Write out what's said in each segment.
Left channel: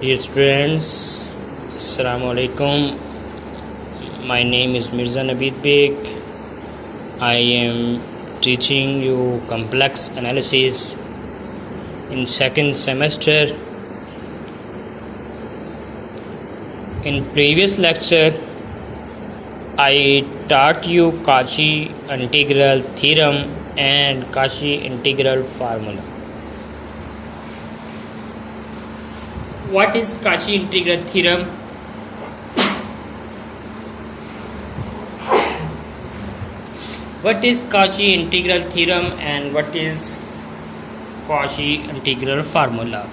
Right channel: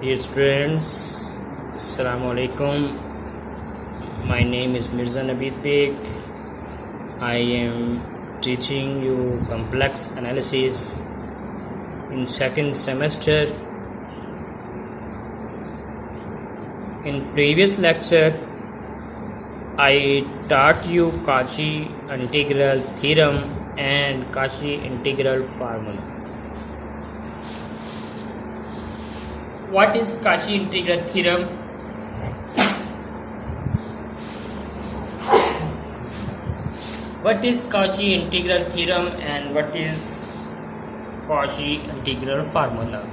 Dear friends, Assalamu alaikum. My name is Mirza Nabeed Beg. I am teaching you complex analysis in second semester. In previous lecture, I taught you Cauchy integral theorem and Cauchy integral formula. What is Cauchy integral theorem? What is Cauchy integral theorem and what is Cauchy integral formula?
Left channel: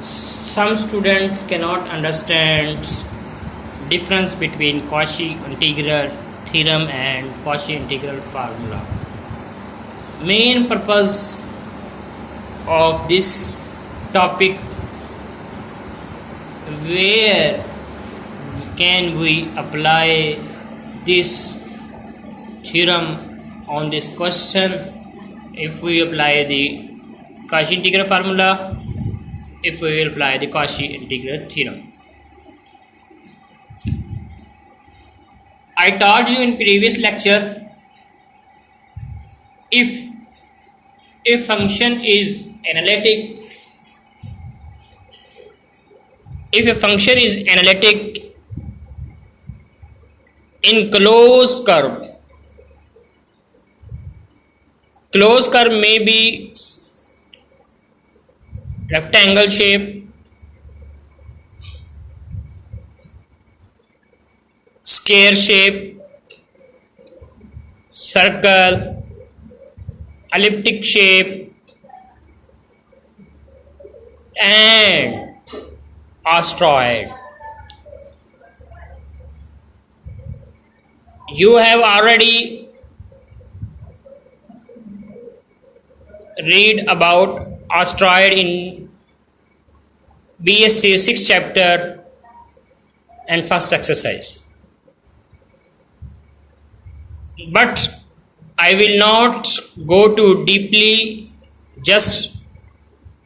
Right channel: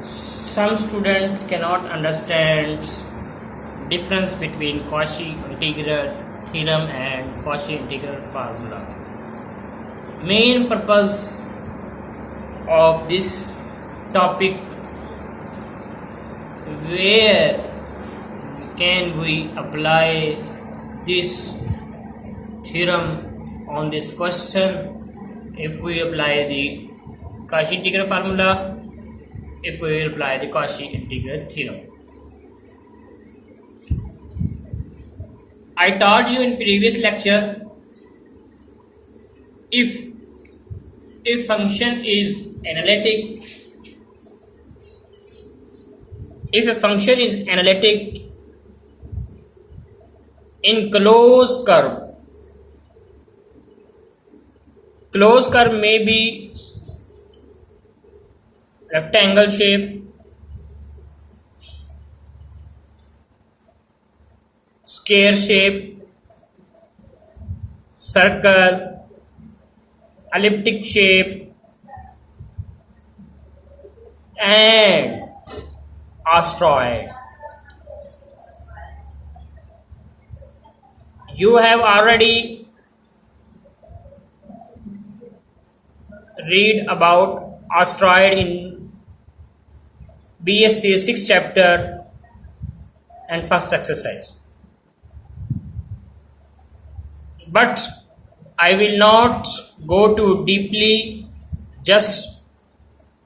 Some students cannot understand difference between Cauchy integral theorem and Cauchy integral formula. Main purpose of this topic, where can we apply this theorem on this question? If we apply the Cauchy integral formula, if we will apply the Cauchy integral theorem. I taught you in previous lecture, if a function is analytic, if a function is analytic in closed curve may be rectangle shape, square shape, circle, elliptic shape, and asteroid. You have already read about asteroid in BSc 6th chapter and first exercise. But I will not go too deeply, just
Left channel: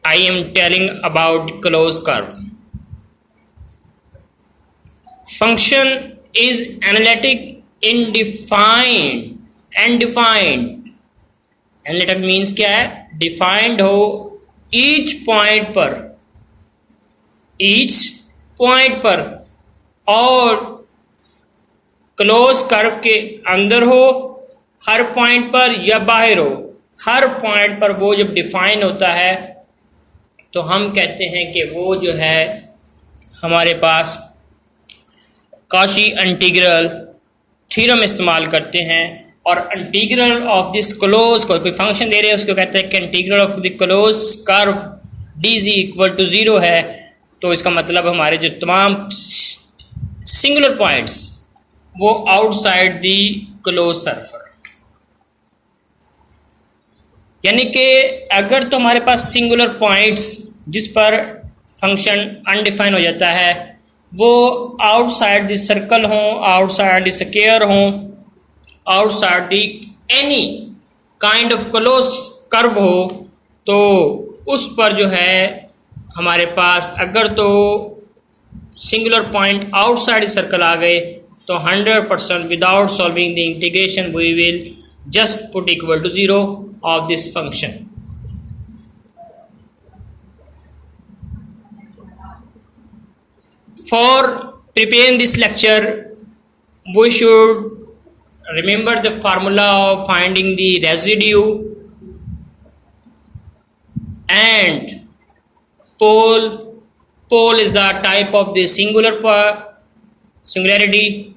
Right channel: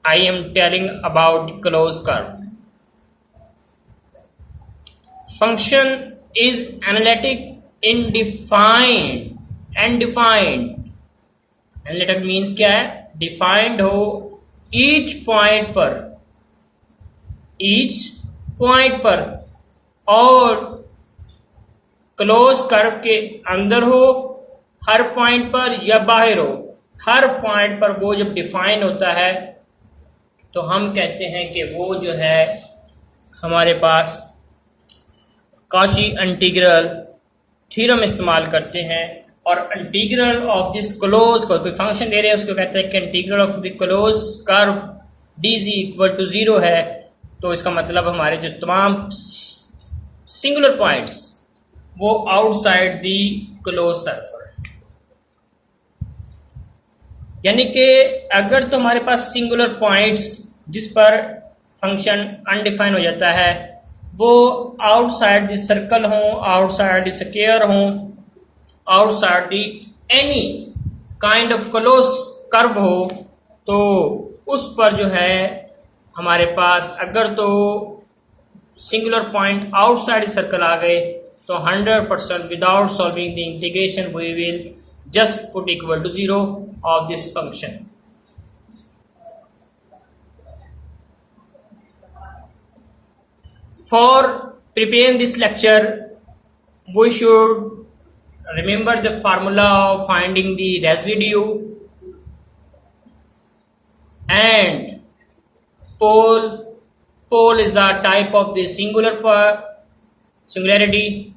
I am telling about closed curve. Function is analytic in defined and defined. Analytic means क्या है? Defined हो each point पर और close curve के अंदर हो, हर point पर या बाहर हो, हर पॉइंट पर वो जब डिफाइन होता है तो हम कहते हैं कि वो जो है हमारे पास Cauchy इंटीग्रल थ्योरम इस्तेमाल करते हैं। और इंटीग्रल ऑफ दिस क्लोज को कोई फंक्शन दे रहे हैं, उसको कहते हैं कि integral of the close curve dz equal to 0 है। तो इसका मतलब हमारे जो तमाम सिंगुलर पॉइंट्स वो आउटसाइड दी क्लोज सर्कल, यानी कि अगर तो हमारे पास सिंगुलर पॉइंट्स जिस पर फंक्शन अनडिफाइन हो जाता है वो आउटसाइड द सर्कल हों, आउटसाइड द स्क्वायर हों, outside the any kind of close curve हो, तो उस पर जो है हमारे पास अगर तो सिंगुलर पॉइंट आउटसाइड सर्कल आ गए तो 100% without solving the integration we will just put equal to 0 of this function. For preparing this lecture, we should remember the formula of finding the residue and pole. Pole is the type of the singularity,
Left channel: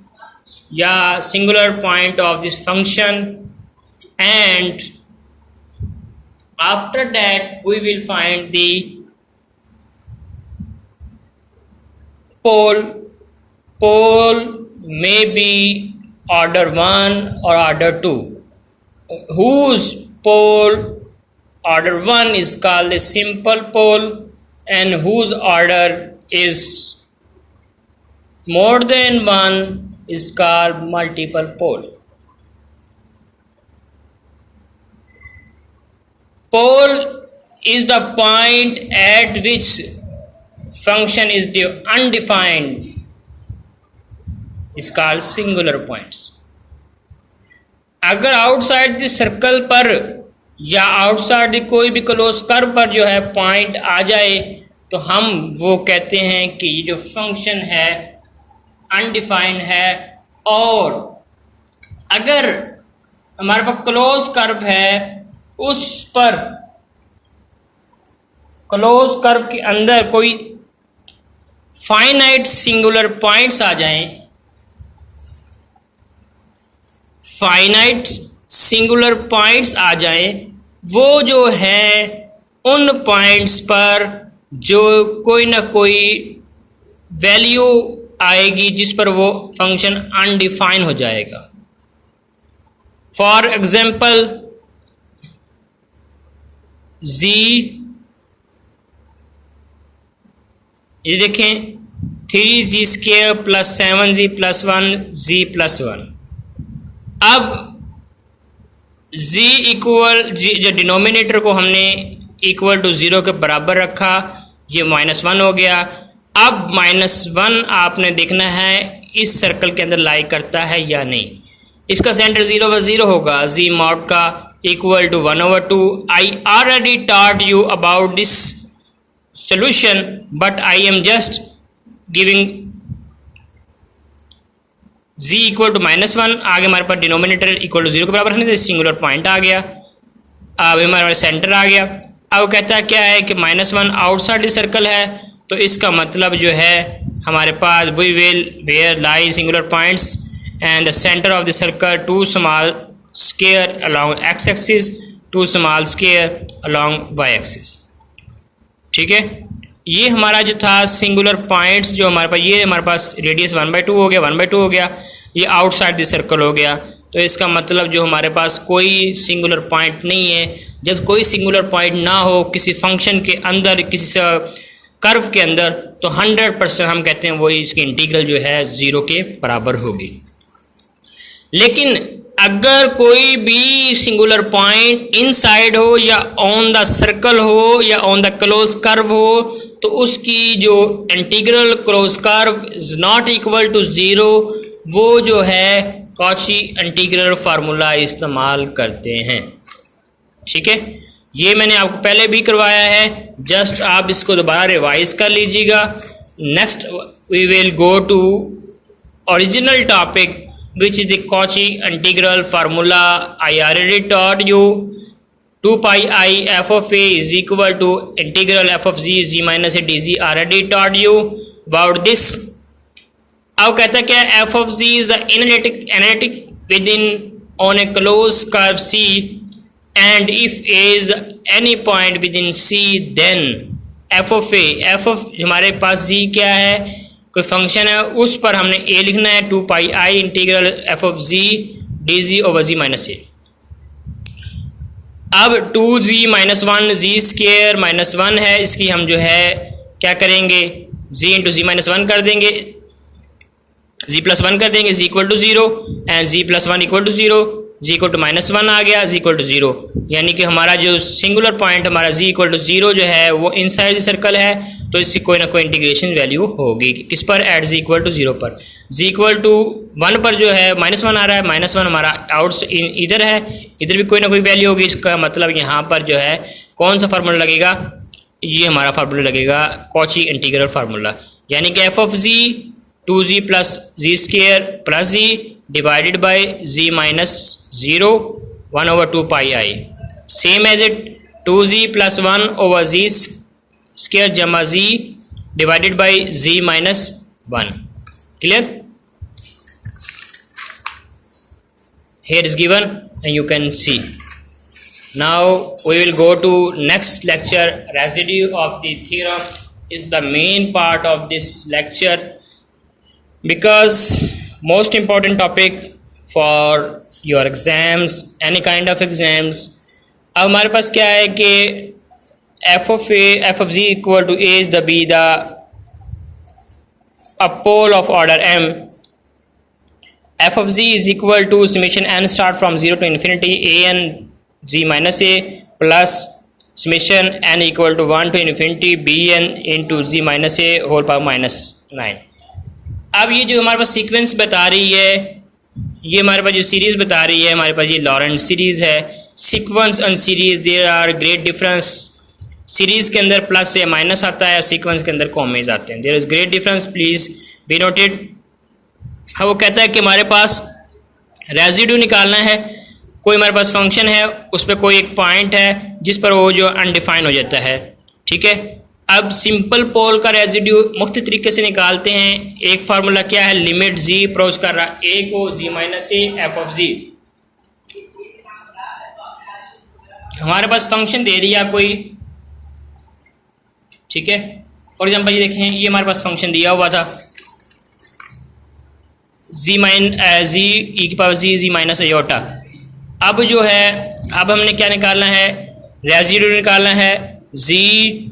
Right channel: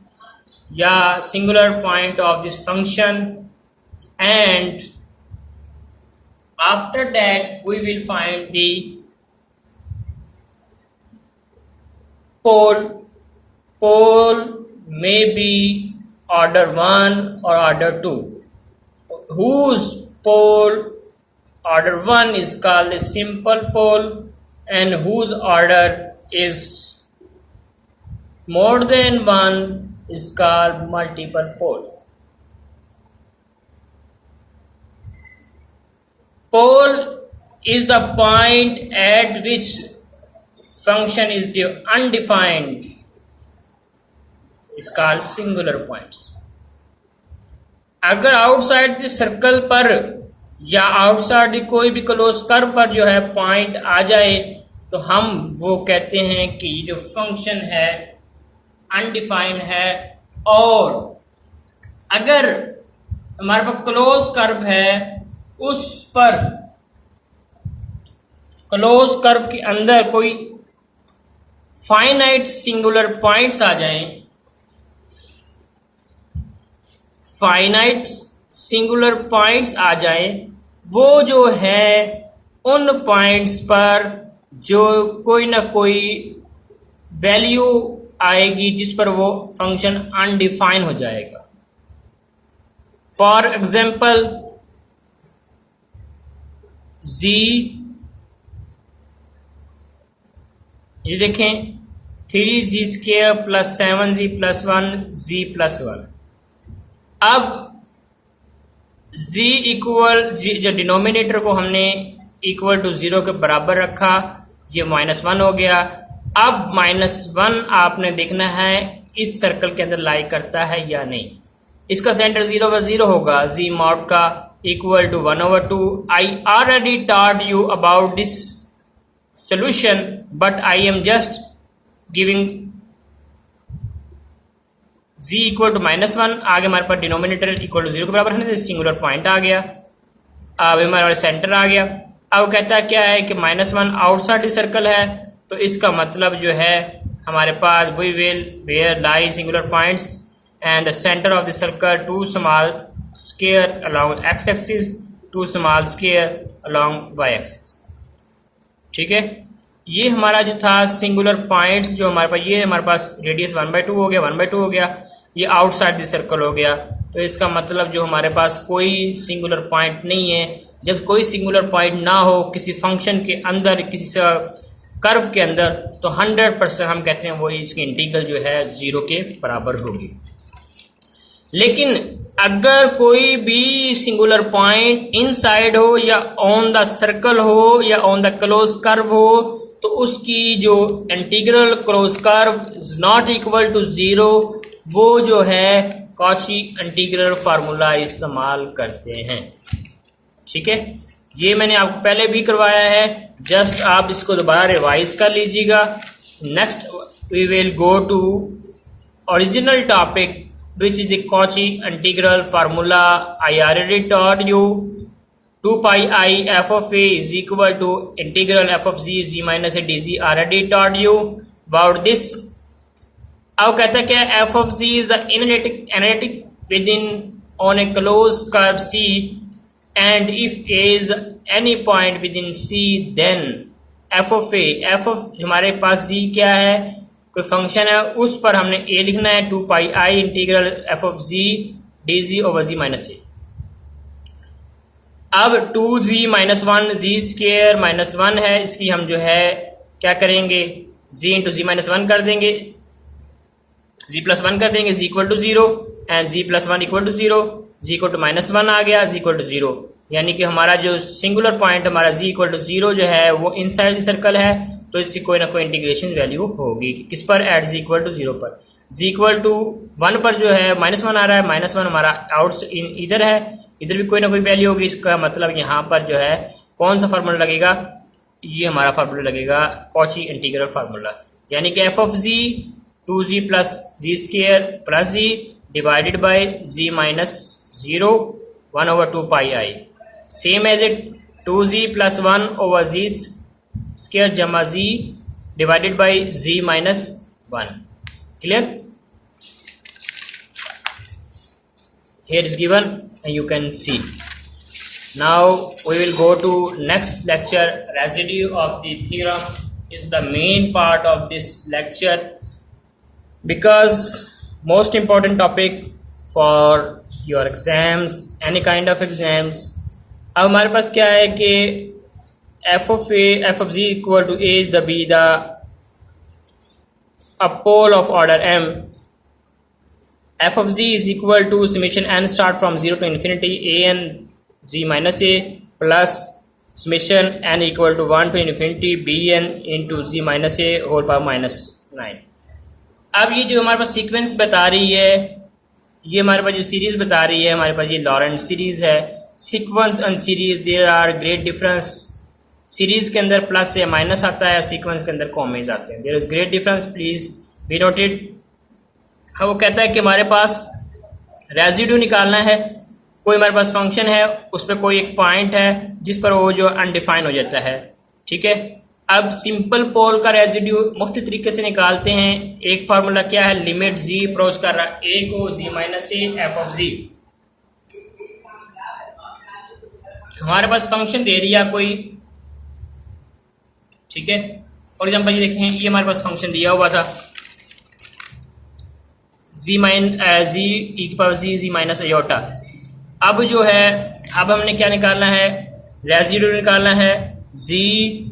yeah, singular point of this function. And after that we will find the pole. Pole may be order 1 or order 2. Whose pole order 1 is called a simple pole and whose order is more than 1 is called multiple pole. Pole is the point at which function is undefined is called singular points. अगर outside the circle पर या outside the कोई भी close curve पर जो है point आ जाए तो हम वो कहते हैं कि ये जो फंक्शन है अनडिफाइंड है। और अगर हमारे पास क्लोज कर्व है उस पर क्लोज कर्व के अंदर कोई फाइनाइट सिंगुलर पॉइंट्स आ जाएं, फाइनाइट सिंगुलर पॉइंट्स आ जाएं, वो जो है उन पॉइंट्स पर जो कोई ना कोई वैल्यू आएगी जिस पर वो फंक्शन अनडिफाइन हो जाएगा। फॉर एग्जाम्पल z, ये देखें 3z² + 7z + 1 z + 1। अब z इक्वल जो डिनोमिनेटर को हमने इक्वल टू 0 के बराबर रखा, ये -1 हो गया। अब -1 आपने देखना है इस सर्कल के अंदर लाई करता है या नहीं। इसका सेंटर 0/0 होगा, z mod का equal to 1/2। I already taught you about this solution, but I am just giving z equal to -1। आगे हमारे पास डिनोमिनेटर इक्वल टू 0 के बराबर है, सिंगुलर पॉइंट आ गया। अब हमारे पास सेंटर आ गया। अब कहता है क्या है कि -1 आउटसाइड द सर्कल है, तो इसका मतलब जो है हमारे पास we will where lie singular points and the center of the circle 2 small square along x axis, 2 small square along y axis. ठीक है, ये हमारा जो था सिंगुलर पॉइंट्स जो हमारे पास, ये हमारे पास रेडियस 1/2 हो गया, 1/2 हो गया, ये आउटसाइड द सर्कल हो गया। तो इसका मतलब जो हमारे पास कोई सिंगुलर पॉइंट नहीं है। जब कोई सिंगुलर पॉइंट ना हो किसी फंक्शन के अंदर, किसी कर्व के अंदर, तो 100% हम कहते हैं वही इसकी इंटीग्रल जो है 0 के बराबर होगी। लेकिन अगर कोई भी सिंगुलर पॉइंट इनसाइड हो या ऑन द सर्कल हो या ऑन द क्लोज कर्व हो, तो उसकी जो integral close curve is not equal to 0, वो जो है कॉची इंटीग्रल फार्मूला इस्तेमाल करते हैं। ठीक है, ये मैंने आपको पहले भी करवाया है, जस्ट आप इसको दोबारा रिवाइज कर लीजिएगा। Next we will go to original topic which is the Cauchy integral formula. I already taught you 2 pi I f of a is equal to integral f of z z minus a dz. Already taught you about this. अब कहता है क्या, f of z is the analytic within on a closed curve C, and if a is any point within C, then f of a, f of हमारे पास z क्या है, कोई function है, उस पर हमने a लिखना है 2 pi I integral f of z dz over z minus a। अब 2z - 1 z² -1 है, इसकी हम जो है क्या करेंगे, z इंटू z -1 कर देंगे, z + 1 कर देंगे, z equal to 0 and z + 1 equal to 0, z equal to -1 आ गया, z इक्वल टू 0। यानी कि हमारा जो सिंगुलर पॉइंट हमारा z इक्वल टू 0 जो है वो इनसाइड सर्कल है, तो इसकी कोई ना कोई इंटीग्रेशन वैल्यू होगी। किस पर, एट z इक्वल टू 0 पर। z इक्वल टू 1 पर जो है -1 आ रहा है, -1 हमारा आउट इधर है, इधर भी कोई ना कोई वैल्यू होगी। इसका मतलब यहाँ पर जो है कौन सा फार्मूला लगेगा, ये हमारा फार्मूला लगेगा कॉची इंटीग्रल फार्मूला, यानी कि f of z 2z + z² + z divided by z minus 0 1/2 pi I, same as it 2z + 1 over z² जमा z divided by z minus 1। Clear? Here is given and you can see. Now we will go to next lecture. Residue of the theorem is the main part of this lecture, because most important topic for your exams, any kind of exams। अब हमारे पास क्या है कि f of z equal to a is the b the a pole of order m। f of z is equal to summation n start from 0 to infinity a n z minus a plus summation n equal to 1 to infinity bn into z minus a whole power -9। अब ये जो हमारे पास sequence बता रही है, ये हमारे पास जो सीरीज़ बता रही है, हमारे पास ये लॉरेंट सीरीज़ है। Sequence and series there are great difference. Series के अंदर प्लस या माइनस आता है, सीक्वेंस के अंदर कॉमेज आते हैं। There is great difference, please be noted. वो कहता है कि हमारे पास रेजिड्यू निकालना है। कोई हमारे पास फंक्शन है, उस पर कोई एक पॉइंट है जिस पर वो जो अनडिफाइन हो जाता है, ठीक है। अब सिंपल पोल का रेजिड्यू मुख्तलिफ तरीके से निकालते हैं। एक फार्मूला क्या है, लिमिट जी अप्रोच कर रहा है ए को z minus A F of जी। हमारे पास फंक्शन दे दिया कोई, ठीक है। फॉर एग्जाम्पल ये देखें, ये हमारे पास फंक्शन दिया हुआ था जी ई की पावर जी माइनस अयोटा। अब जो है, अब हमने क्या निकालना है, रेजिड्यू निकालना है। जी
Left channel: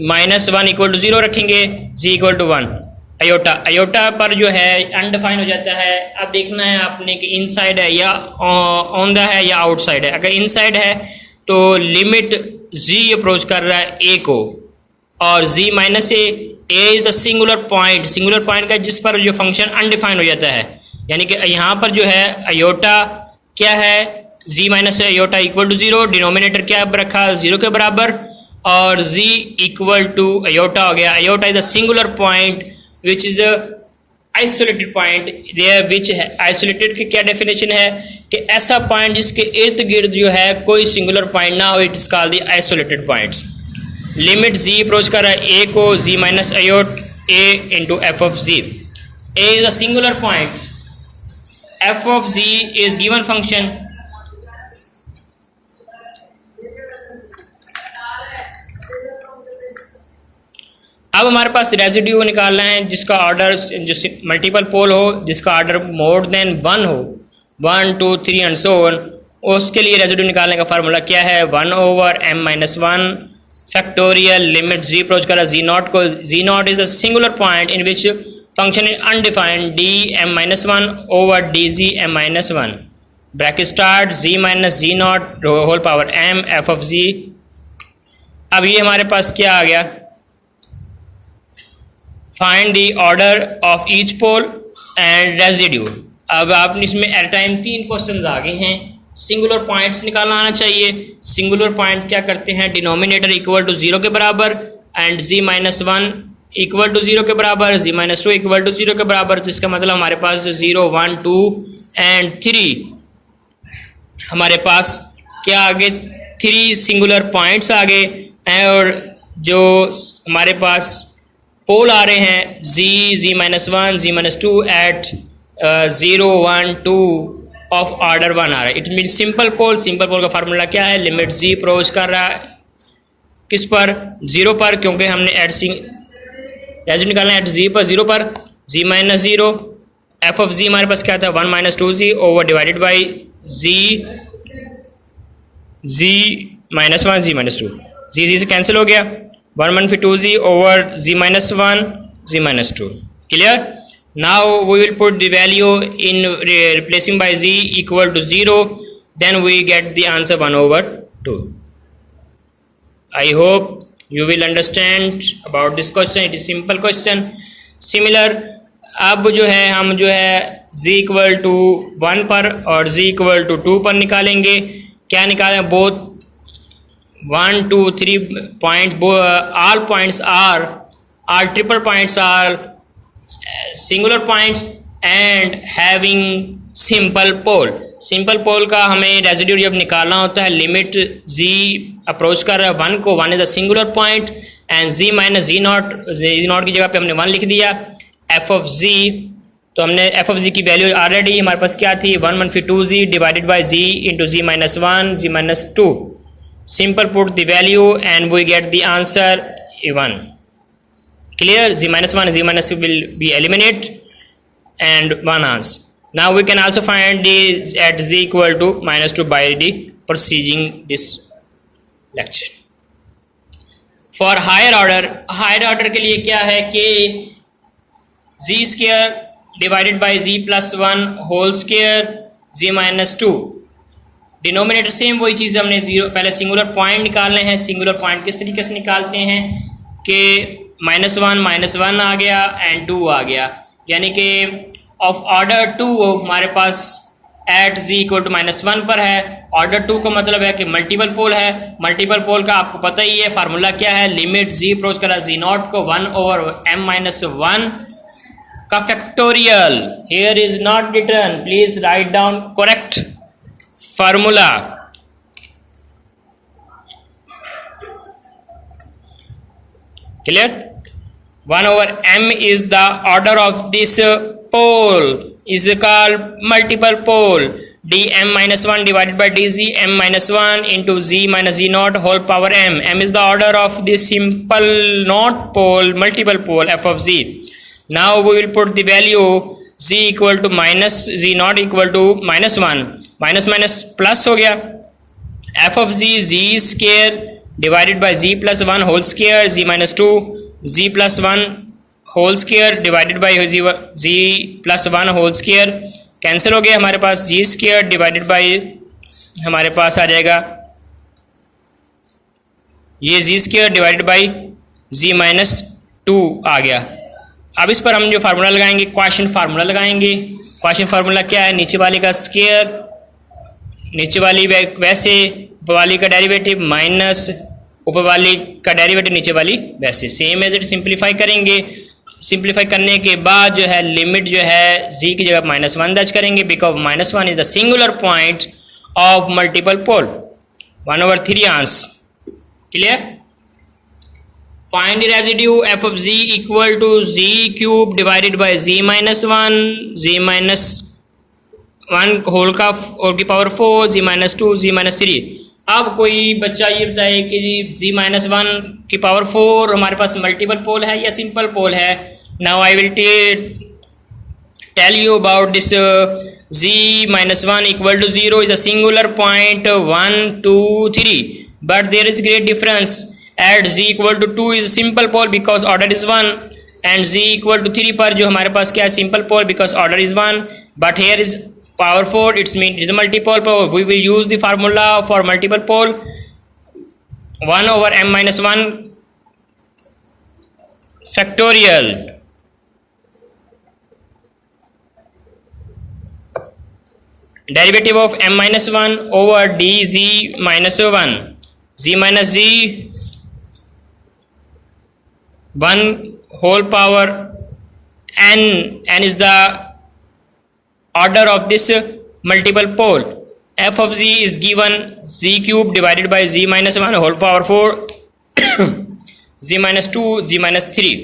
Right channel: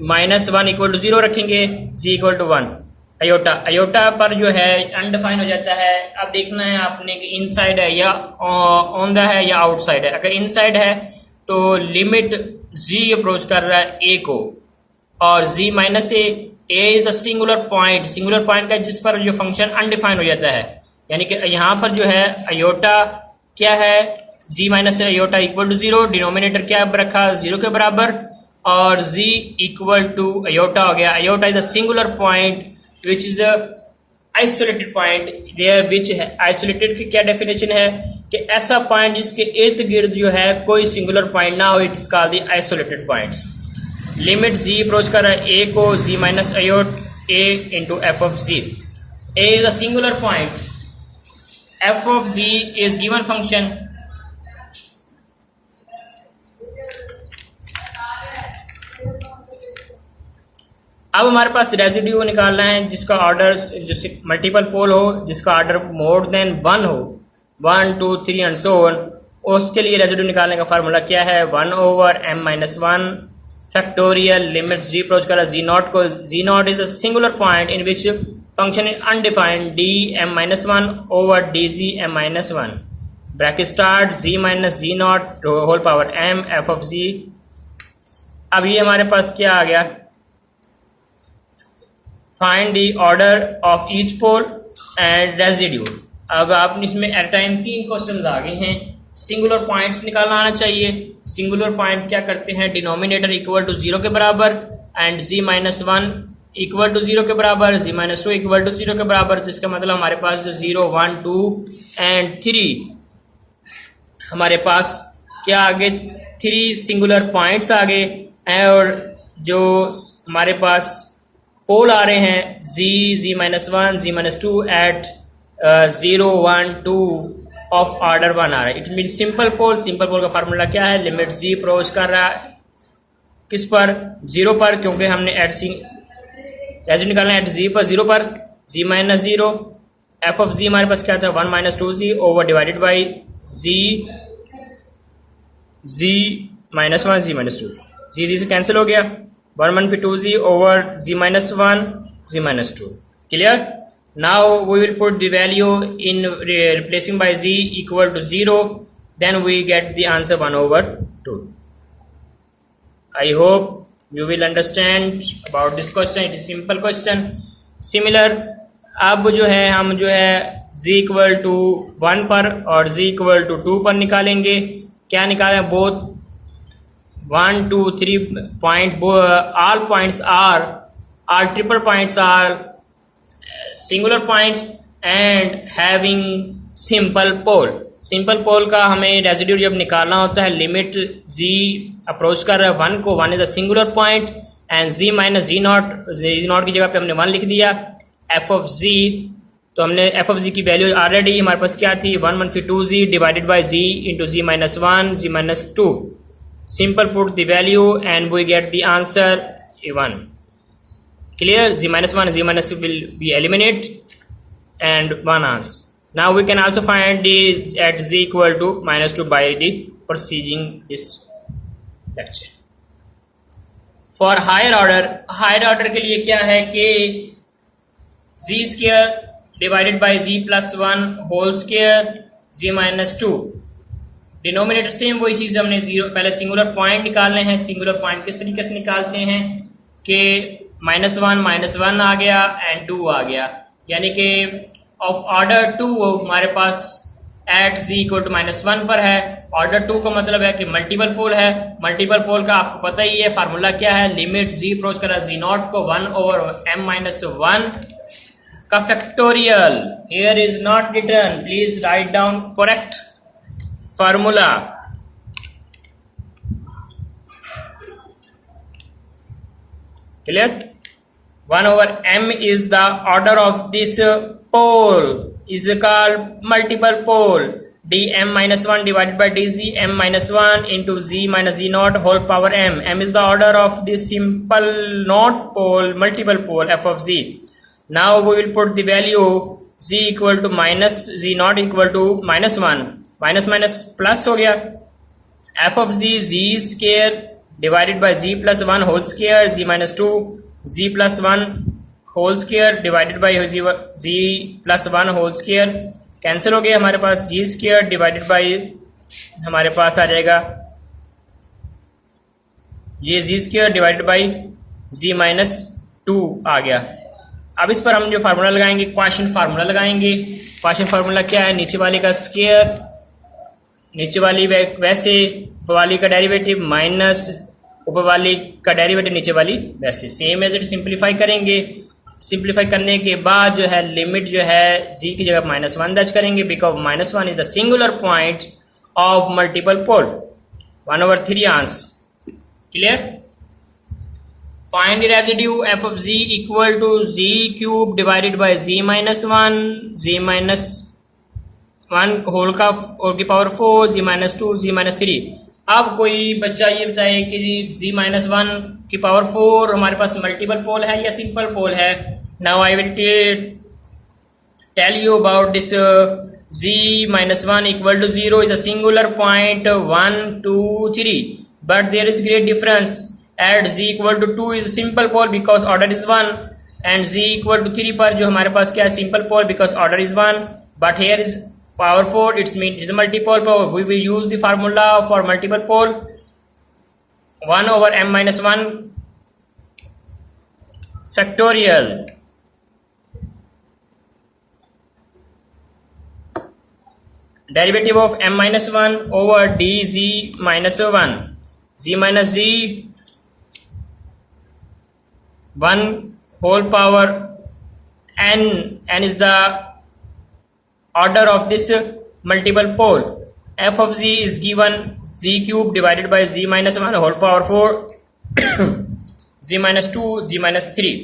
-1 इक्वल टू 0 रखेंगे, जी इक्वल टू 1। अयोटा, अयोटा पर जो है अनडिफाइन हो जाता है। अब देखना है आपने कि इनसाइड है या ऑन द है या आउटसाइड है। अगर इनसाइड है तो लिमिट जी अप्रोच कर रहा है ए को, और z minus A is the singular point, singular point का जिस पर जो फंक्शन अनडिफाइन हो जाता है। यानी कि यहाँ पर जो है अयोटा क्या है, z minus iota equal to 0, denominator क्या रखा 0 के बराबर, और z इक्वल टू अयोटा हो गया। Iota is the singular point which is isolated point there, which है आइसोलेटेड की क्या डेफिनेशन है कि ऐसा पॉइंट जिसके इर्द गिर्द जो है कोई सिंगुलर पॉइंट ना हो, it is called the isolated points. Limit z approach कर रहा है ए को, z minus iota A into F of z. A is a singular point, F of z is given function. अब हमारे पास residue निकालना है जिसका ऑर्डर, जिस मल्टीपल पोल हो, जिसका ऑर्डर मोर देन 1 हो, 1 2 3 एंड सो ऑन। उसके लिए रेजिड्यू निकालने का फार्मूला क्या है, 1/m-1 factorial limit z approach करा जी नॉट को। Z naught is a singular point in which function is undefined, dm-1 over dgm-1 bracket start z minus z naught whole power m F of z. अब ये हमारे पास क्या आ गया, find the order of each pole and residue. अब आप इसमें एट टाइम 3 क्वेश्चन आ गए हैं। सिंगुलर पॉइंट्स निकालना आना चाहिए। सिंगुलर पॉइंट क्या करते हैं, डिनोमिनेटर इक्वल टू 0 के बराबर एंड z-1 इक्वल टू 0 के बराबर, z-2 इक्वल टू 0 के बराबर। तो इसका मतलब हमारे पास जो 0 1 2 एंड 3 हमारे पास क्या आगे 3 सिंगुलर पॉइंट्स आ गए, और जो हमारे पास पोल आ रहे हैं z-1 z-2 eight 0 1 2 of order 1 आ रहा है। It mean simple pole. Simple pole का फार्मूला क्या है, लिमिट जी अप्रोच कर रहा है किस पर, 0 पर, क्योंकि हमने एट सी रेजिड्यू निकालना है एट जी पर, 0 पर, z-0 एफ ऑफ जी हमारे पास क्या था 1 - 2z over divided by z-1 z-2, z से कैंसिल हो गया, 1 1 फिर 2z over z-1 z-2। Clear. Now we will put the value in replacing by z equal to 0, then we get the answer 1/2. I hope you will understand about this question. It is simple question. Similar, अब जो है हम जो है z equal to 1 पर और z equal to 2 पर निकालेंगे। क्या निकालें, both 1 2 3 point, all points are triple points are singular points and having simple pole. Simple pole का हमें रेजिड्यू जब निकालना होता है, लिमिट जी अप्रोच कर रहा है 1 को, 1 is a singular point and z minus z naught की जगह पे हमने 1 लिख दिया। एफ ऑफ जी, तो हमने एफ ऑफ जी की वैल्यू ऑलरेडी हमारे पास क्या थी 1 1 फिर 2z divided by z into z-1 z-2। Simple put the value and we get the answer 1। Clear, z-1 z-2 will be eliminate and 1 answer. Now we can also find the at z equal to -2 by the proceeding this lecture. For higher order के लिए क्या है कि z square divided by z plus 1 whole square z-2 denominator same वही चीज़ हमने zero, पहले singular point निकालने हैं। सिंगुलर पॉइंट किस तरीके से निकालते हैं कि -1 आ गया एंड 2 आ गया, यानी कि ऑफ ऑर्डर 2 हमारे पास एट z इक्वल टू -1 पर है। ऑर्डर 2 का मतलब है कि मल्टीपल पोल है। मल्टीपल पोल का आपको पता ही है, फार्मूला क्या है, लिमिट z अप्रोच करा z0 को 1/m-1 का factorial. Here is not return, please write down correct formula. Clear? 1/m is the order of this pole, is called multiple pole. dm-1 divided by dz m-1 into z minus z0 whole power m. M is the order of this simple not pole multiple pole f of z. Now we will put the value z equal to minus z0 equal to -1, minus minus plus हो गया, f of z square divided by z plus 1 whole square, z minus 2 z plus 1 whole square divided by z plus 1 whole square cancel हो गया। हमारे पास z square divided by हमारे पास आ जाएगा ये z square divided by z minus 2 आ गया। अब इस पर हम जो फार्मूला लगाएंगे, क्वेश्चन फार्मूला लगाएंगे। क्वेश्चन फार्मूला क्या है, नीचे वाली का स्क्वायर, नीचे वाली वैसे, ऊपर वाली का डेरिवेटिव माइनस ऊपर वाली का डेरिवेटिव नीचे वाली वैसे, सेम एज इट सिंप्लीफाई करेंगे। सिंप्लीफाई करने के बाद जो है लिमिट जो है z की जगह -1 दर्ज करेंगे, because -1 is the singular point of multiple pole. 1/3 answer. Clear? Find the residue f of z equal to z cube divided by z minus 1 whole की power 4 z minus 2 z minus 3। अब कोई बच्चा ये बताए कि z minus 1 की power 4 हमारे पास multiple पोल है या सिंपल पोल है। Now I will tell you about this z minus 1 equal to 0 is a singular point 1 2 3, but there is great difference at z equal to 2 is a simple pole because order is 1, and z equal to 3 पर जो हमारे पास क्या है simple pole because order is 1, but here is power 4, it's mean it's a multiple pole. We will use the formula for multiple pole 1/m-1 factorial. Derivative of m-1 over dz minus 1, z minus z 1 whole power n, n is the order of this multiple pole. F of z is given z cube divided by z minus 1 whole power 4 z minus 2 z minus 3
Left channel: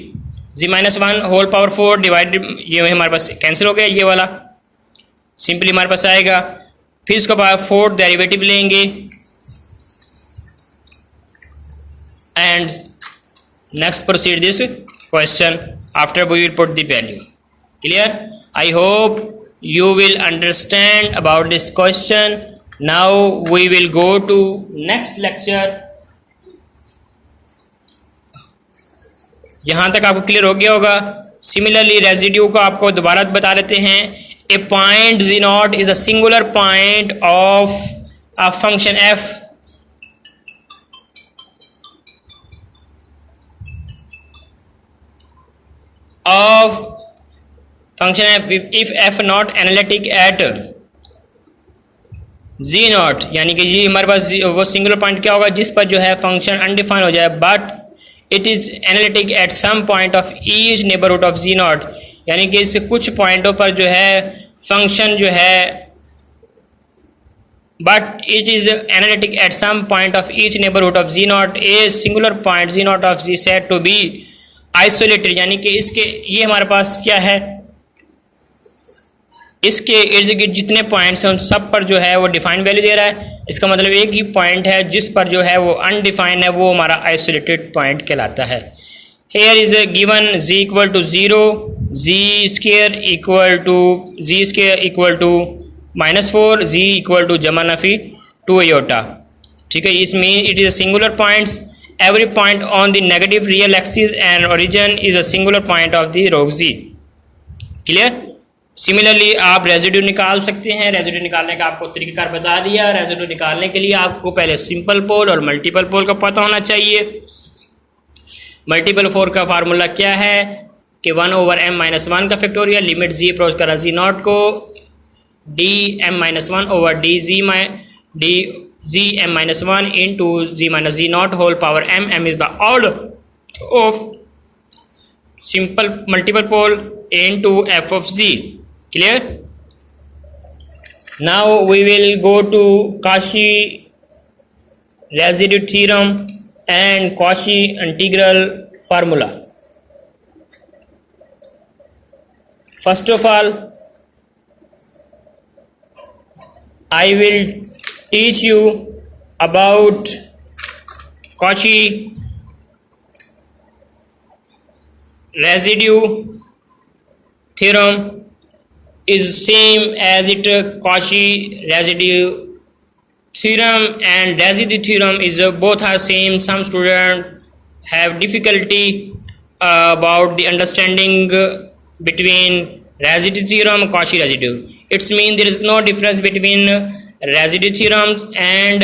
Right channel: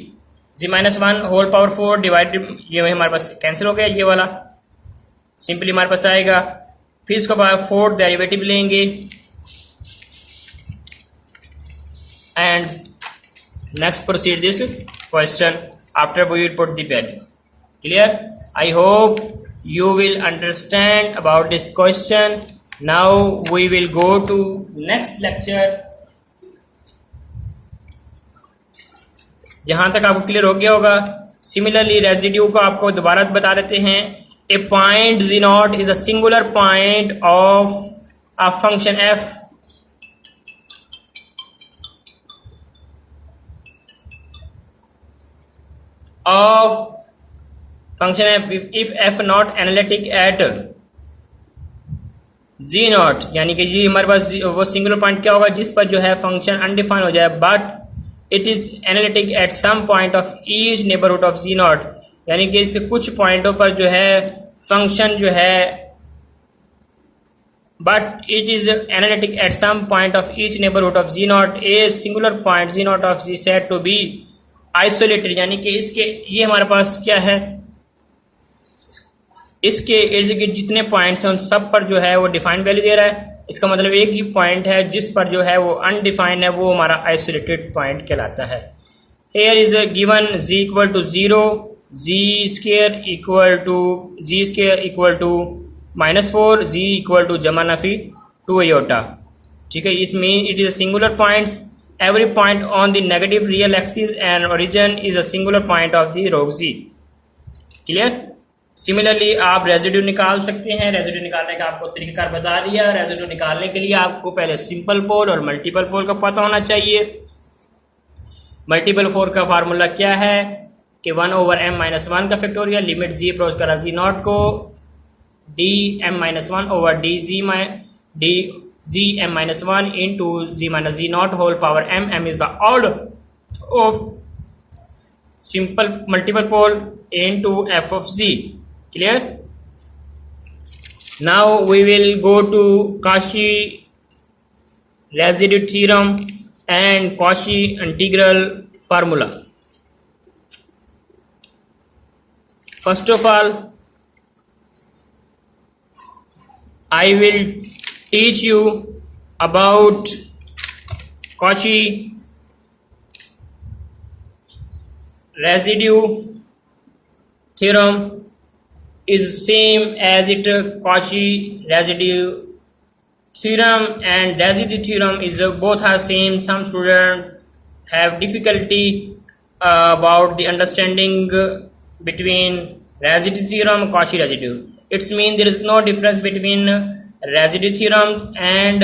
z minus 1 whole power 4 divided, ये हमारे पास cancel हो गया, ये वाला simply हमारे पास आएगा। फिर इसके बाद 4 डेरिवेटिव लेंगे and next proceed this question after we will put the value. Clear? I hope you will understand about this question. Now we will go to next lecture. यहाँ तक आपको क्लियर हो गया होगा। सिमिलरली रेजिड्यू को आपको दोबारा बता देते हैं। ए point z0 is a singular point of a function f of function f if f not analytic at z0, यानी कि ये हमारे पास वो सिंगुलर पॉइंट क्या होगा जिस पर जो है फंक्शन अनडिफाइन हो जाए, but it is analytic at some point of each neighbourhood of z0, यानी कि इससे कुछ पॉइंटों पर जो है फंक्शन जो है but it is analytic at some point of each neighbourhood of z0, a singular point z0 of z set to be isolated, यानी कि इसके ये हमारे पास क्या है, इसके इर्द गिर्द जितने पॉइंट्स हैं उन सब पर जो है वो डिफाइंड वैल्यू दे रहा है। इसका मतलब एक ही पॉइंट है जिस पर जो है वो अनडिफाइंड है, वो हमारा आइसोलेटेड पॉइंट कहलाता है। Here is given z equal to 0, z square equal to -4, z equal to जमा नफी 2 आयोटा। ठीक है, इस mean it is a singular points, every point on the negative real axis and origin is a singular point of the log z। Clear? Similarly आप residue निकाल सकते हैं। Residue निकालने का आपको तरीक़ाकार बता दिया। रेजिड्यू निकालने के लिए आपको पहले सिंपल पोल और मल्टीपल पोल का पता होना चाहिए। मल्टीपल पोल का फार्मूला क्या है कि 1/m-1 का फैक्टोरियल, लिमिट जी अप्रोच करा जी नॉट को dm-1/dgm-1 into g-z0 whole power m. M is the order of simple multiple pole into f of z. Clear? Now we will go to Cauchy residue theorem and Cauchy integral formula. First of all, I will teach you about Cauchy residue theorem is same as it Cauchy residue theorem and residue theorem is both are same. Some students have difficulty about the understanding between residue theorem and Cauchy residue. It's mean there is no difference between residue theorem and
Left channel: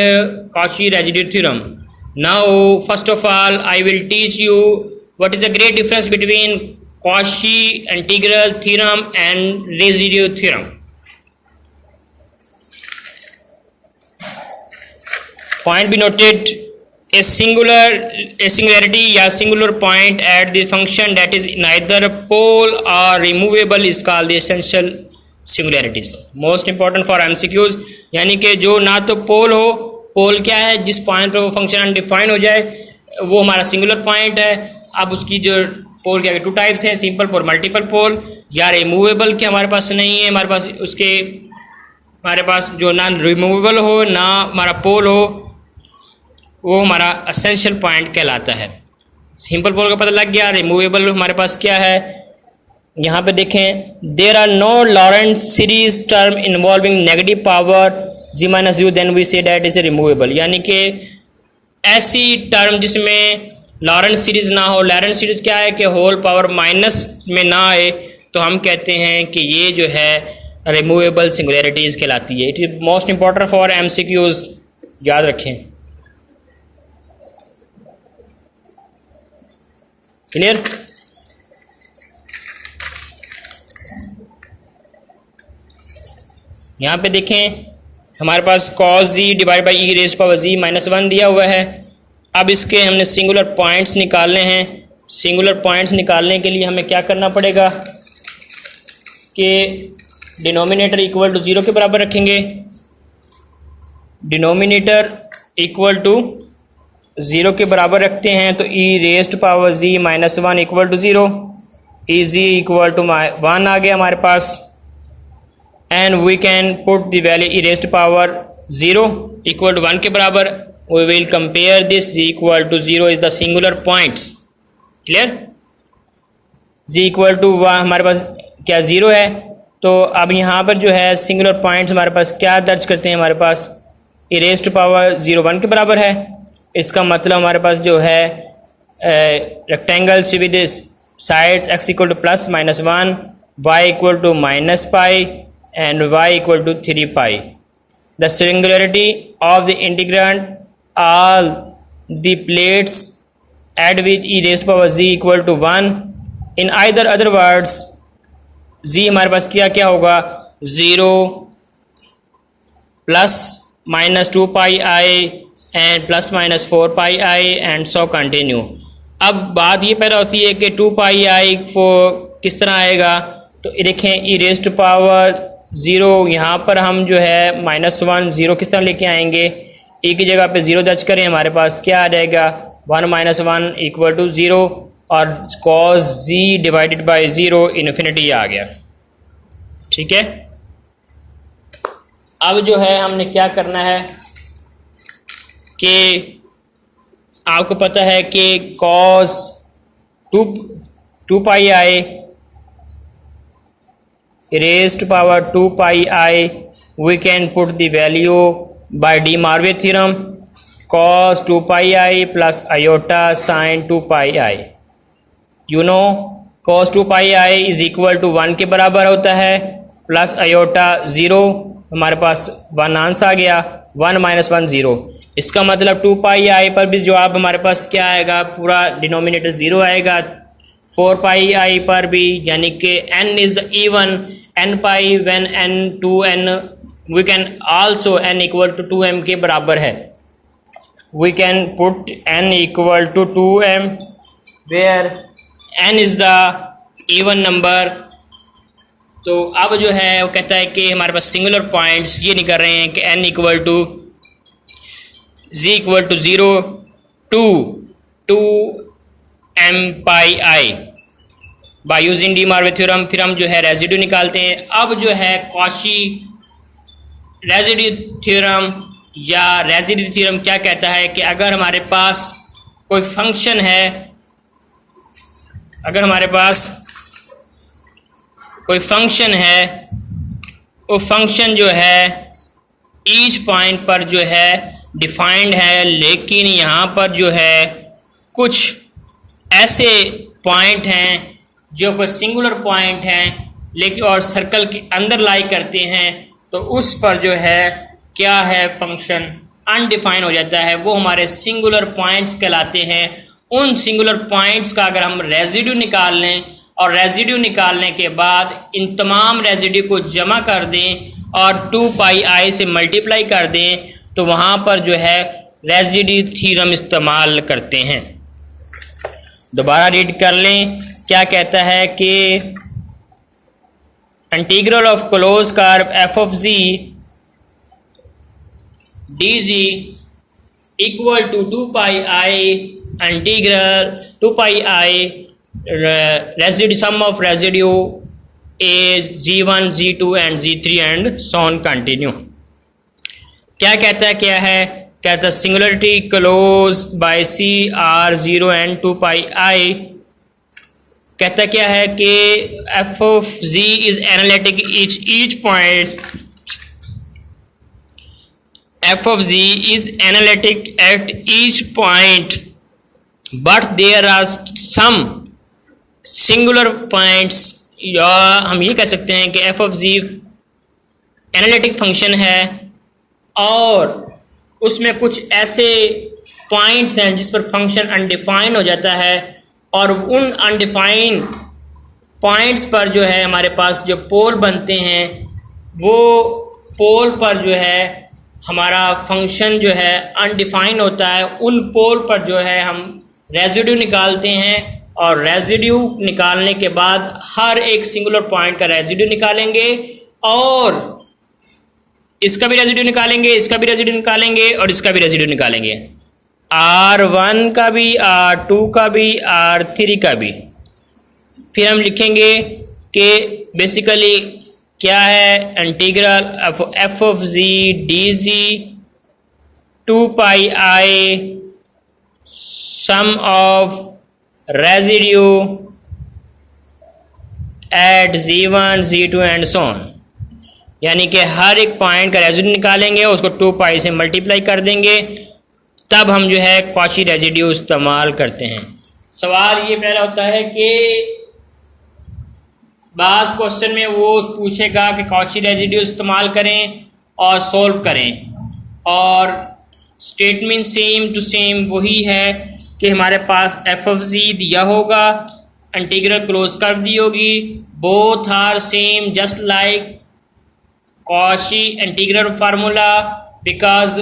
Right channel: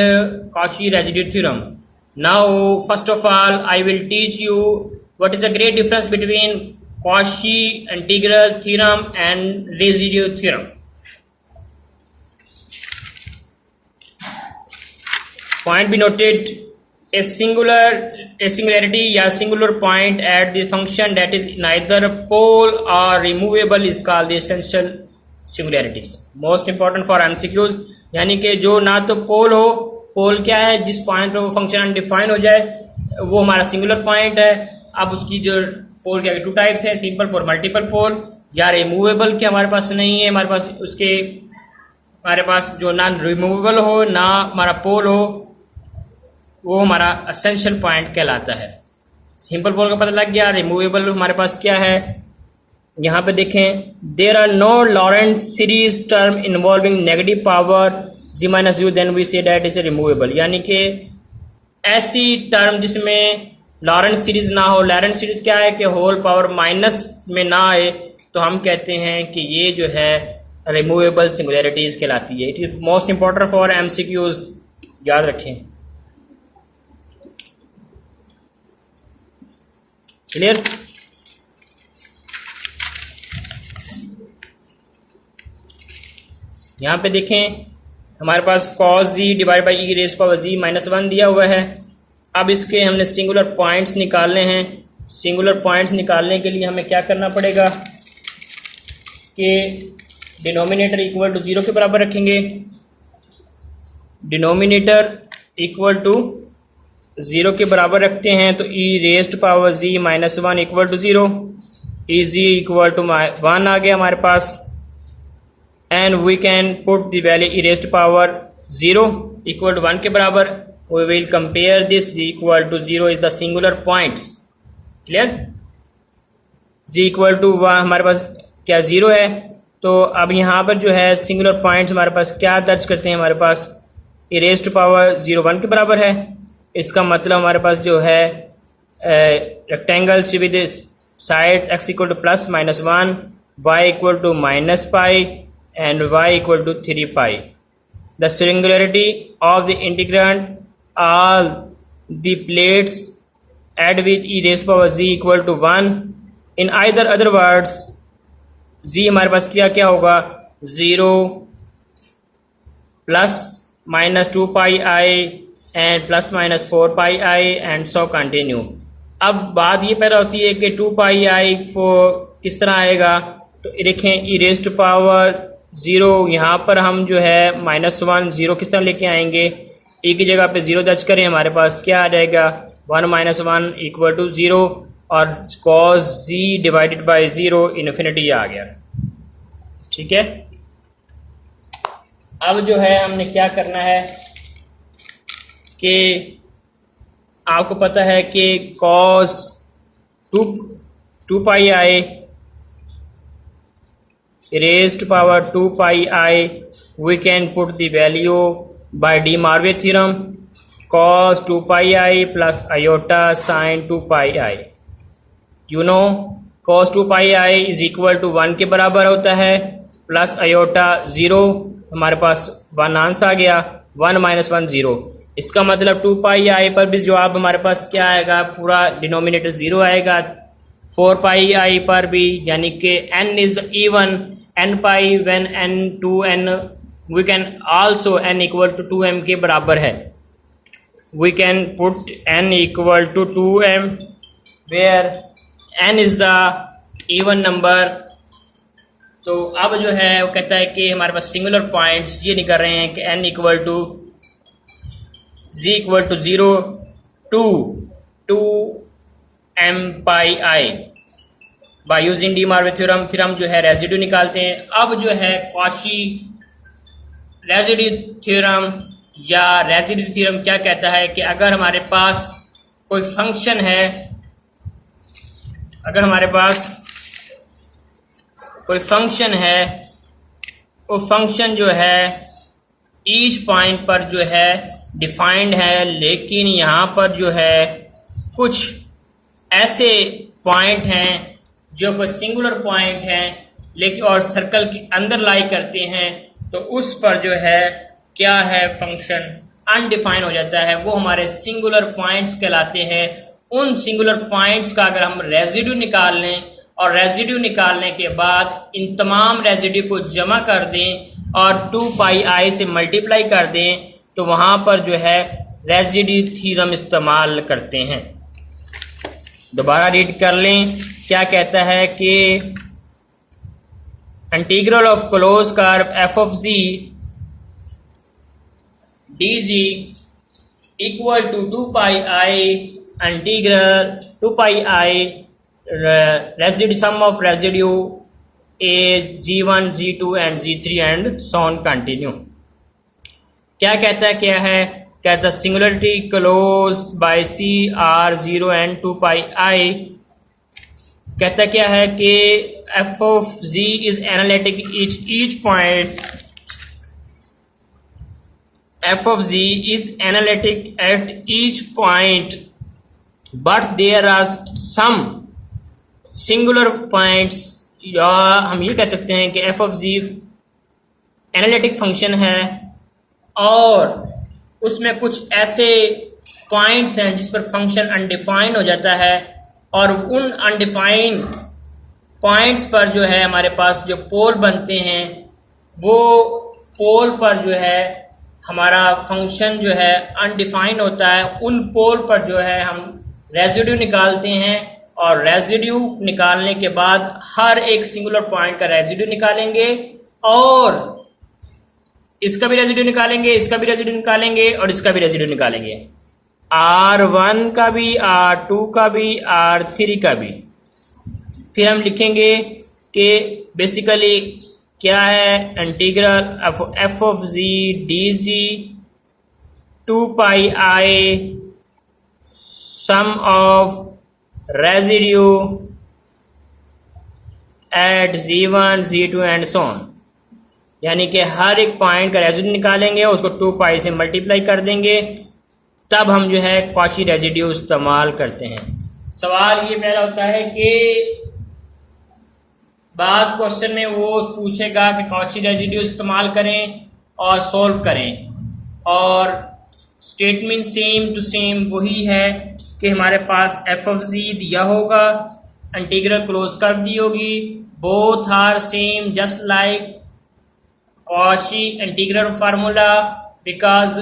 Cauchy residue theorem. Now first of all I will teach you what is the great difference between Cauchy integral theorem and residue theorem. Point be noted, a singularity या singular point at the function that is neither pole or removable is called the essential singularities. Most important for MCQs, यानी कि जो ना तो पोल हो, पोल क्या है जिस पॉइंट पर वो फंक्शन अनडिफाइन हो जाए वो हमारा सिंगुलर पॉइंट है। अब उसकी जो पोल क्या टू टाइप्स है, सिंपल पोल, मल्टीपल पोल। या रिमूवेबल के हमारे पास नहीं है, हमारे पास उसके हमारे पास जो ना रिमूवेबल हो ना हमारा पोल हो वो हमारा एसेंशियल पॉइंट कहलाता है। सिंपल पोल का पता लग गया। रिमूवेबल हमारे पास क्या है, यहाँ पे देखें, there are no Laurent series term involving negative power z minus u then we say that is a removable. यानी कि ऐसी टर्म जिसमें लॉरेंट सीरीज ना हो। लॉरेंट सीरीज क्या है कि होल पावर माइनस में ना आए, तो हम कहते हैं कि ये जो है रिमूवेबल सिंगुलैरिटीज कहलाती है। It is most important for MCQs, याद रखें। क्लियर? यहाँ पे देखें हमारे पास cos z divide by e rays power z minus 1 दिया हुआ है। अब इसके हमने सिंगुलर पॉइंट्स निकालने हैं। सिंगुलर पॉइंट्स निकालने के लिए हमें क्या करना पड़ेगा कि डिनोमिनेटर इक्वल टू 0 के बराबर रखेंगे। डिनोमिनेटर इक्वल टू 0 के बराबर रखते हैं तो e raised power z minus 1 equal to 0, e z equal to 1 आ गया हमारे पास। And we can put the value e raised power 0 equal to 1 के बराबर। we will compare this z equal to 0 is the singular points. clear? z equal to 1 हमारे पास क्या 0 है, तो अब यहाँ पर जो है सिंगुलर पॉइंट्स हमारे पास क्या दर्ज करते हैं, हमारे पास e raised to power 0 1 के बराबर है। इसका मतलब हमारे पास जो है rectangle with side x equal to plus minus 1, y equal to minus pi and y equal to 3 pi. The singularity of the integrand all the plates add with e raised power z equal to 1. in either other words z हमारे पास क्या क्या होगा, 0 plus minus 2 pi I and plus minus 4 pi I and so continue. अब बात ये पैदा होती है कि 2 पाई आई को किस तरह आएगा, तो देखें e raised to power 0 यहाँ पर हम जो है माइनस 1 0 किस तरह लेके आएंगे, e की जगह पे 0 दर्ज करें, हमारे पास क्या आ जाएगा 1 माइनस 1 इक्वल टू 0 और cos z divided by 0 infinity आ गया। ठीक है, अब जो है हमने क्या करना है कि आपको पता है कि cos 2 pi I raised to power 2 pi I we can put the value by De Morvay theorem cos 2 pi I plus iota sin 2 pi I. You know cos 2 pi I is equal to 1 के बराबर होता है plus iota 0, हमारे पास 1 answer आ गया, 1 - 1 0। इसका मतलब 2 pi आई पर भी जवाब हमारे पास क्या आएगा, पूरा डिनोमिनेटर 0 आएगा। 4 पाई आई पर भी, यानी कि n is the even, n pi when n 2n, we can also n equal to 2m के बराबर है। We can put n equal to 2m where n is the even number. तो अब जो है वो कहता है कि हमारे पास सिंगुलर पॉइंट्स ये नहीं कर रहे हैं कि n equal to z equal to 0 to 2m pi I by using de Moivre theorem. फिर हम जो है रेजिड्यू निकालते हैं। अब जो है कॉची रेजिड्यू थ्योरम या रेजिड्यू थ्योरम क्या कहता है कि अगर हमारे पास कोई फंक्शन है, अगर हमारे पास कोई फंक्शन है, वो फंक्शन जो है ईच पॉइंट पर जो है डिफाइंड है, लेकिन यहाँ पर जो है कुछ ऐसे पॉइंट हैं जो कोई सिंगुलर पॉइंट हैं लेकिन और सर्कल के अंदर लाई करते हैं, तो उस पर जो है क्या है, फंक्शन अनडिफाइन हो जाता है। वो हमारे सिंगुलर पॉइंट्स कहलाते हैं। उन सिंगुलर पॉइंट्स का अगर हम रेजिड्यू निकाल लें और रेजिड्यू निकालने के बाद इन तमाम रेजिड्यू को जमा कर दें और 2 पाई आई से मल्टीप्लाई कर दें, तो वहाँ पर जो है रेजिड्यू थ्योरम इस्तेमाल करते हैं। दोबारा रीड कर लें, क्या कहता है कि integral of close curve f of z d z equal to 2 pi i integral 2 pi i residue sum of residue a g1 g2 and g3 and so on continue. क्या कहता है, क्या है, कहता है singularity close by c r 0 and 2 pi i. कहता क्या है कि f of z is analytic each point, F of z is analytic at each point but there are some singular points, या हम ये कह सकते हैं कि f of z analytic function है और उसमें कुछ ऐसे पॉइंट्स हैं जिस पर फंक्शन अनडिफाइन हो जाता है, और उन अनडिफाइन पॉइंट्स पर जो है हमारे पास जो पोल बनते हैं, वो पोल पर जो है हमारा फंक्शन जो है अनडिफाइन होता है। उन पोल पर जो है हम रेजिड्यू निकालते हैं और रेजिड्यू निकालने के बाद हर एक सिंगुलर पॉइंट का रेजिड्यू निकालेंगे और इसका भी रेजिड्यू निकालेंगे, इसका भी रेजिड्यू निकालेंगे और इसका भी रेजिड्यू निकालेंगे, R1 का भी, R2 का भी, R3 का भी। फिर हम लिखेंगे कि बेसिकली क्या है, integral f of z d z 2 pi i sum of residue at g1 g2 and so on, यानी कि हर एक पॉइंट का रेजिड्यू निकालेंगे, उसको 2 पाई से मल्टीप्लाई कर देंगे, तब हम जो है कॉची रेजिड्यू इस्तेमाल करते हैं। सवाल ये पहला होता है कि बाज़ क्वेश्चन में वो पूछेगा कि कॉची रेजिड्यू इस्तेमाल करें और सॉल्व करें, और स्टेटमेंट सेम टू सेम वही है कि हमारे पास एफ ऑफ जी दिया होगा, इंटीग्रल क्लोज कर दी होगी, both are same just like Cauchy integral formula, because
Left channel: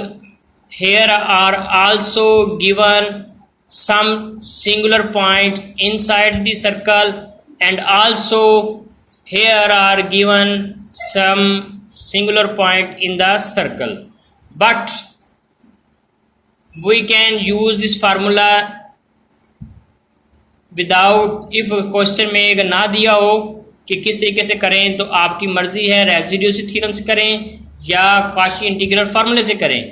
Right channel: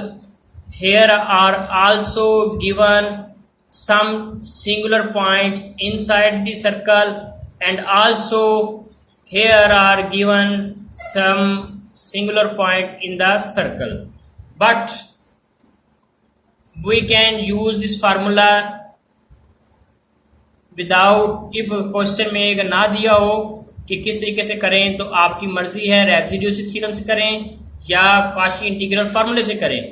here are also given some singular points inside the circle and also here are given some singular point in the circle, but we can use this formula without, if question में अगर ना दिया हो कि किस तरीके से करें तो आपकी मर्जी है, रेजिड्यू से थ्योरम से करें या कॉची इंटीग्रल फार्मूले से करें।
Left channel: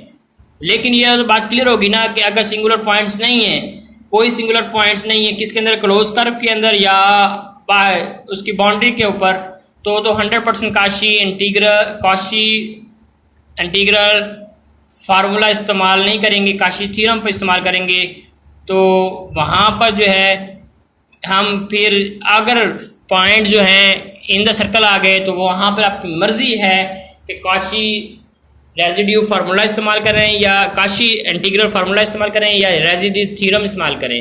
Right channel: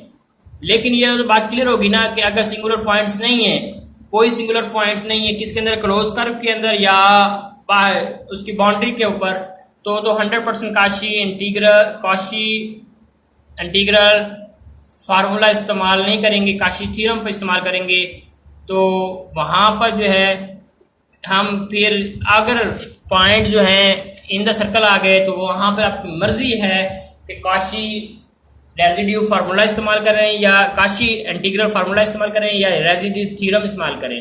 लेकिन यह तो बात क्लियर होगी ना कि अगर सिंगुलर पॉइंट्स नहीं है, कोई सिंगुलर पॉइंट्स नहीं है किसके अंदर, क्लोज कर्व के अंदर या उसकी बाउंड्री के ऊपर, तो 100% कॉची इंटीग्रल फार्मूला इस्तेमाल नहीं करेंगे, कॉची थ्योरम पर इस्तेमाल करेंगे। तो वहाँ पर जो है हम फिर अगर पॉइंट जो हैं इन द सर्कल आ गए तो वहाँ पर आपकी मर्ज़ी है कि काशी रेजिड्यू फार्मूला इस्तेमाल करें या काशी इंटीग्रल फार्मूला इस्तेमाल करें या रेजिड्यू थ्योरम इस्तेमाल करें।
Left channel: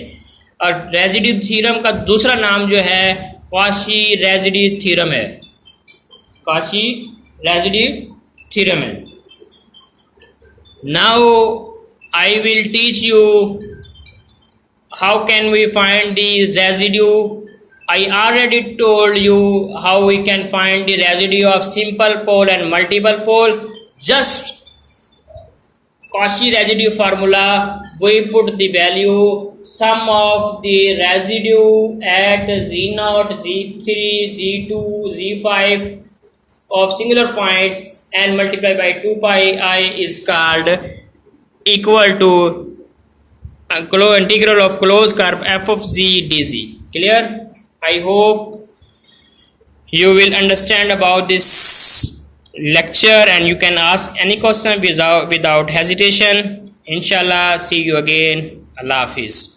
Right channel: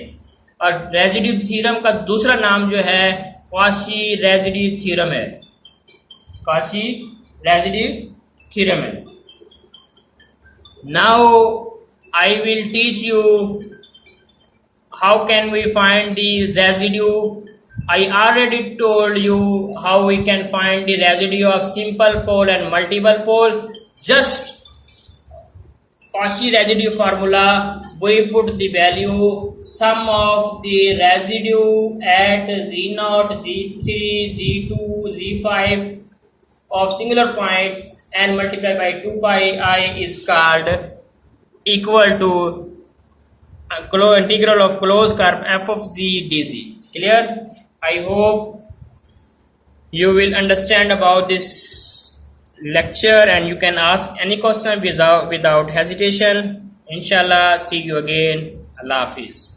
और रेजिड्यू थ्योरम का दूसरा नाम जो है काशी रेजिड्यू थ्योरम है, काशी रेजिड्यू थ्योरम है। Now I will teach you how can we find the residue. I already told you how we can find the residue of simple pole and multiple pole. Just Cauchy residue formula, we put the value sum of the residue at Z0, Z3, Z2, Z5 of singular points and multiply by 2 pi I is called equal to integral of closed curve f of z dz. Clear? I hope you will understand about this lecture and you can ask any question without hesitation. Inshallah, see you again. Allah Hafiz.